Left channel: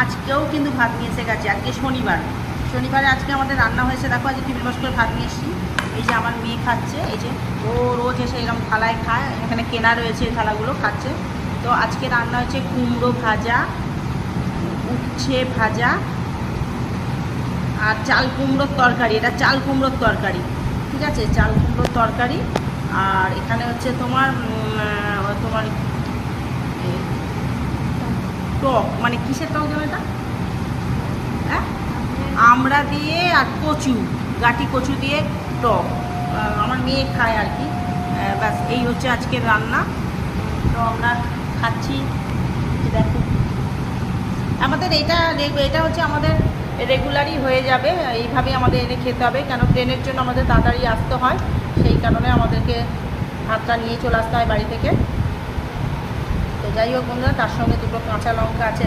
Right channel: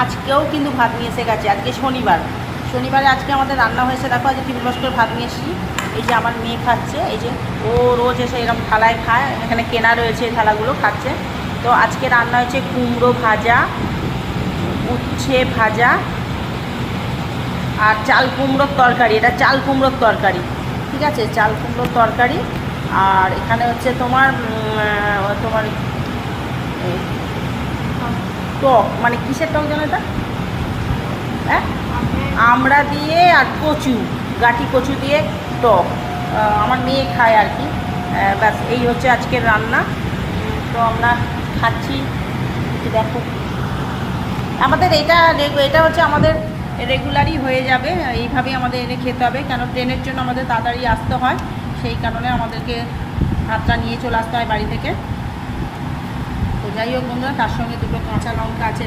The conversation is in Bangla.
আজকেও কিন্তু ভাত নিয়ে এসে গেছে। আজকে শনিবারে আজকে আমাদের রান্না হয়েছে। দেখো আজকে টিফিন বক্স করে ভাত নিয়ে এসেছি। এই যে আমার মেয়ে খাচ্ছে, এই যে ও রোজ এসে এরকম থালায় খায়, এখানে কেনা রয়েছে এই থালাগুলো, খাচ্ছে। তো আজকে রান্না হয়েছে কুমড়ো ভাজা, উচ্ছে ভাজা আর চাল কুমড়োর তরকারি। এটা চাল কুমড়োর তরকারি, ঠিক আছে, চাল কুমড়োর তরকারি। আর এখানে হচ্ছে তোমার তোমার টক, মানে কিসের টক জানো এটা? হ্যাঁ, আমড়া দিয়ে আর কচু, গাঠি কচু দিয়ে টক। আমার মেয়ে খায় আর কি। ব্যাস এই হচ্ছে আজকের রান্না। তো আমরা খাচ্ছি, দেখো। আমাদের এটা হচ্ছে আমাদের রেগুলারই হয়ে যাবে, এইভাবেই আমাদের এনে খেতে হবে, কেন ট্রেনের জন্য আমাদের তাড়াতাড়ি আসতে হয়, সেই কারণে আমাদেরকে ভাতটা নিয়ে চলে আসতে হয় বাড়ি থেকে। তো যাই হোক বন্ধুরা, তার সঙ্গে দুটো কাঁচা লঙ্কা আছে।